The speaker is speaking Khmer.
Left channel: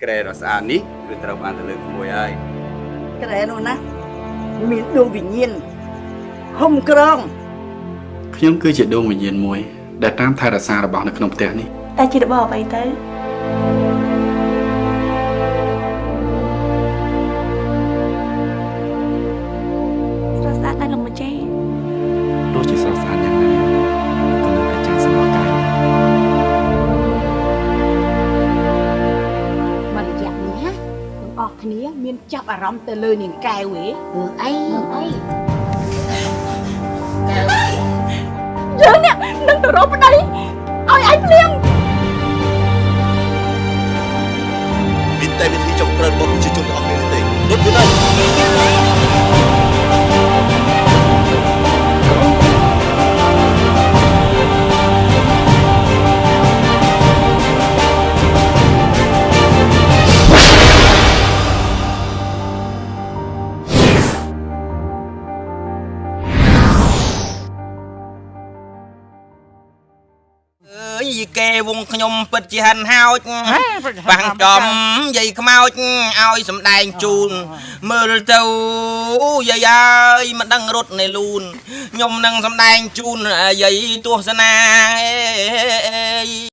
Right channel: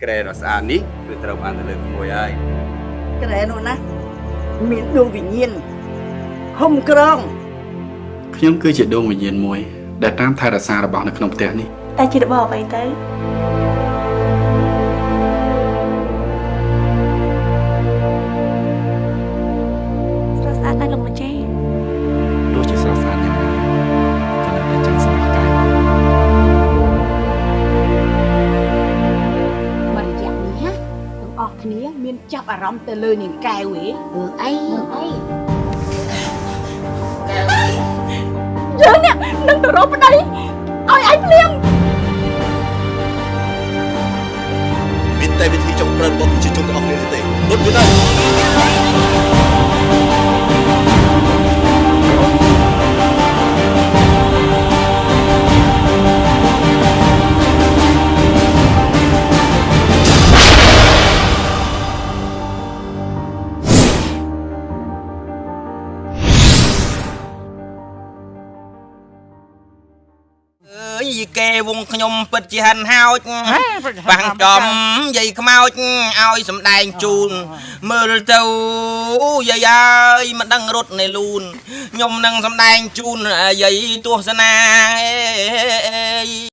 Kể nó xa ní, cứ trâu ăn từ lưng mùi ai. Cái nó nè, miền đường vĩnh nhiên, không krong. ខ្ញុំគឺជាដួងវិញ្ញាណមួយដែលតាមថែរក្សារបស់នៅក្នុងផ្ទះនេះ តែជារបស់អ្វីទៅស្រស់ស្អាតណាស់លោកម្ចាស់ ទោះជាស្រស់ស្អាតយ៉ាងណាក៏នៅតែចាំស្លោះកាយ មករយៈនេះណាទាំងអស់គ្នាមានចាប់អារម្មណ៍ទៅលើនាងកែវហ៎អីយើងនេះនឹងទៅរកប្តីឲ្យឯងភ្លាម មានតែវិធីចុងក្រោយរបស់ប្រជាជនទាំងអស់គ្នាទេលុតវាទៅ កែវងខ្ញុំពិតជាហិនហោចបាំងចំយាយខ្មោចឲ្យសំដែងជូនមើលទៅយាយអើយមិនដឹងរត់នៅលូនខ្ញុំនឹងសំដែងជូនយាយទស្សនា